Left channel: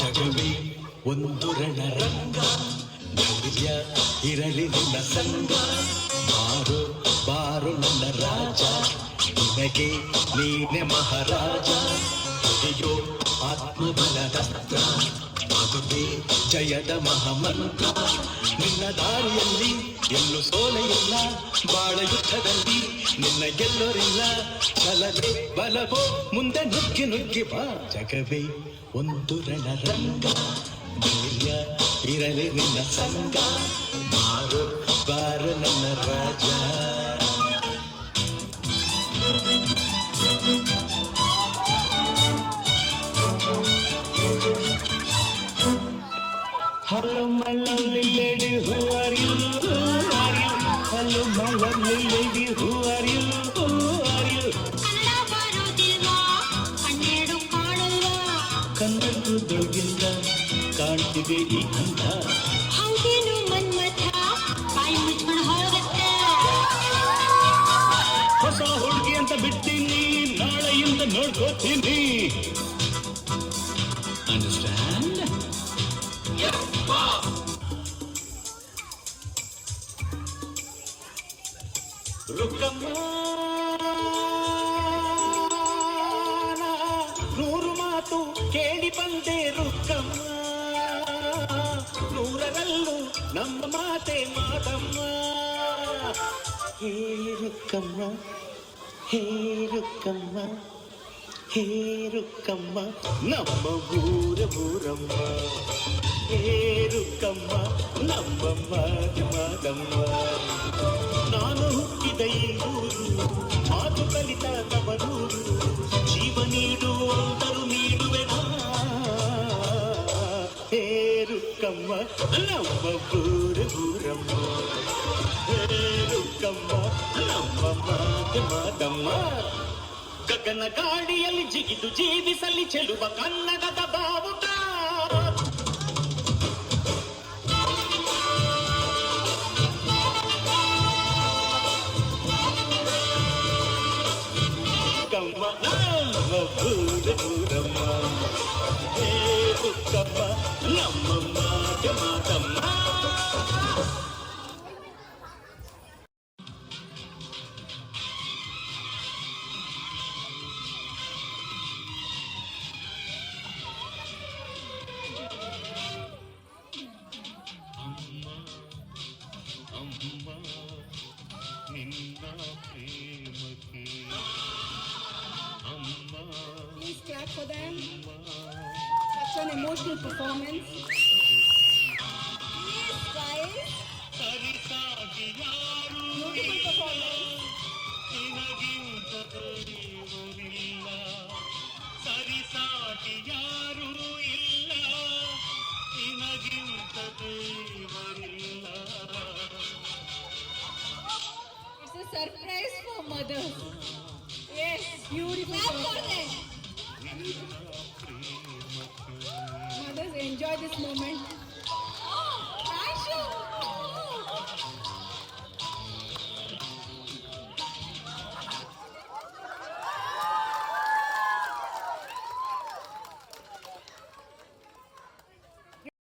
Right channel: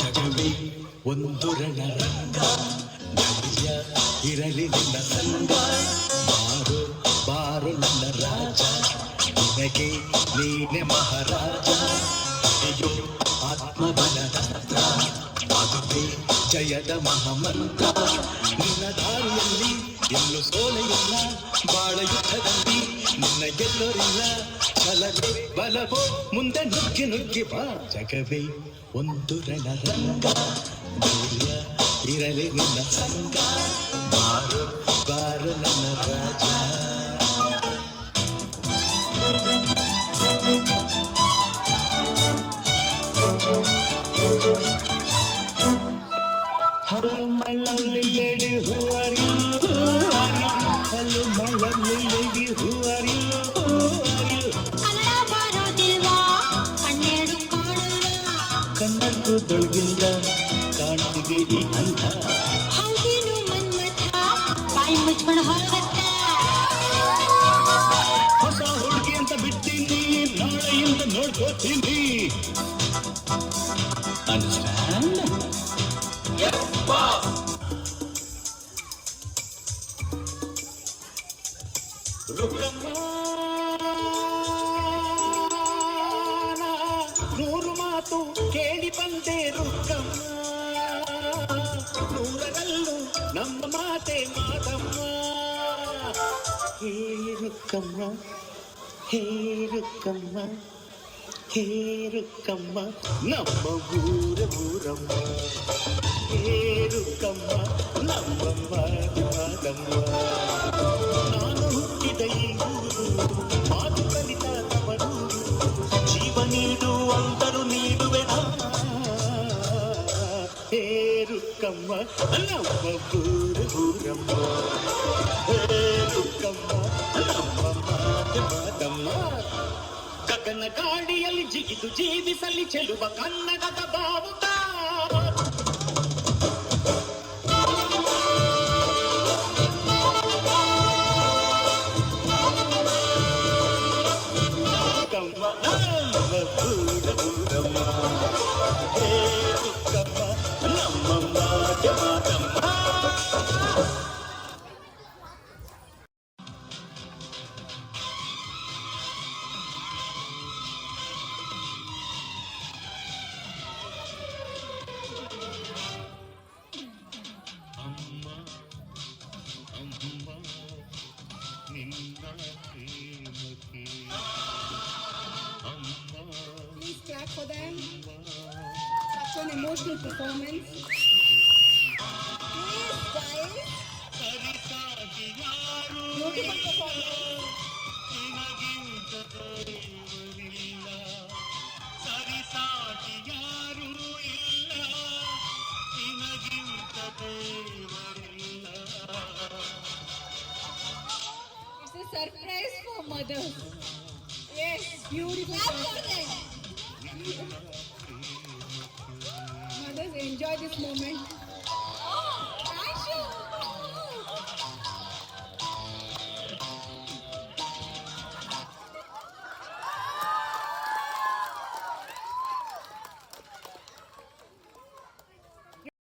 ಜಗವೇ ಒಂದು ರಣರಂಗ, ಧೈರ್ಯ ಇರಲಿ ನಿನ್ನ ಸಂಗ. ಬಾರು ಬಾರು ನನ್ನ ರಾಜ, ನಿನಗೆ ನೀನೆ ಮಹಾರಾಜ. ಅಯ್ಯೋ ಆತ್ಮಬಲದಸ್ತ್ರ, ಅದುವೇ ಜಯದ ಮಹಾಮಂತ್ರ. ನಿನ್ನ ದಾರಿಯಲ್ಲಿ ಎಲ್ಲೂ ಸೋಲೆಯಿಲ್ಲ, ಬಾಳ ಯುದ್ಧದಲ್ಲಿ ನಿನ್ನ ಗೆಲ್ಲೋರಿಲ್ಲ. ಛಲವೇ ಬಲವೋ ಮುಂದೆ ನುಗ್ಗಿ ನುಗ್ಗಿ ಬಾ. ಜಗವೇ ಒಂದು ರಣರಂಗ, ಧೈರ್ಯ ಇರಲಿ ನಿನ್ನ ಸಂಗ. ಬಾರು ಬಾರು ನನ್ನ ರಾಜ. Hello, my lovely lady, who are you? Hello, my lovely lady, who are you? ಕನ್ನಡಕ್ಕೂ ದೊಳಗಿಂದ ಕಾಣ್ತಿದೆ ಈ ಅಂದ. ಹೌದೇನು ಮನ್ಮಥ, ಬಾಯಿ ಮುಚ್ಕೊಂಡು ಹೊರಗತ್ತೆ. ಹೊಸ ಹುಡುಗಿ ಅಂತ ಬಿಡ್ತೀನಿ, ನಾಳೆಯಿಂದ ನೋಡ್ಕೋತೀನಿ. ಅಂಡರ್ಸ್ಟ್ಯಾಂಡ್? ರುಕ್ಕಮ್ಮ, ನೂರು ಮಾತು ಕೇಳಿ ಬಂದೆ ರುಕ್ಕಮ್ಮ, ನೂರರಲ್ಲೂ ನಮ್ಮ ಮಾತೆ ಮಾತಮ್ಮ. ಹೇ ರುಕ್ಕಮ್ಮ, ಹೇ ರುಕ್ಕಮ್ಮ, ಹೇ ರುಕ್ಕಮ್ಮ, ನಮ್ಮ ಊರಮ್ಮ. ಹೇ ರುಕ್ಕಮ್ಮ, ನಮ್ಮ ಮಾತಮ್ಮ. ನಾನು ಹುಟ್ಟಿದ ಈ ಊರು, ಮಾತು ಕಲಿತ ತವರೂರು. ಜೀವ ನೀಡುವಂತರು ನೀಡುವೆನ. ಹೇ ರುಕ್ಕಮ್ಮ, ನಮ್ಮ ಊರಮ್ಮ. ಹೇ ರುಕ್ಕಮ್ಮ, ನಮ್ಮ ಮಾತಮ್ಮ. ಗಗನ ಗಾಡಿಯಲ್ಲಿ ಜಿಗಿದು ಜೀವಿಸಲಿ ಚೆಲುವ ಕನ್ನಡದ ಭಾವುಕ. ಕಮ್ಮ ನಮ್ಮ ಊರಮ್ಮ. ಹೇ ರುಕ್ಕಮ್ಮ, ನಮ್ಮ ಮಾತಮ್ಮ. ಅಮ್ಮ ನಿನ್ನ ಪ್ರೇಮಕ್ಕೆ ಅಮ್ಮ. Please clap for them. Such an emotional performance. Please guys. Beautiful performance. ಸರಿಸಾಟಿ ಯಾರೂ ಇಲ್ಲ, ನಿನಗಿಂತ ದೇವರಿಲ್ಲ. It's a surprise for mothers. Yes, beautiful. Mothers, enjoy this moment. Oh, thank you.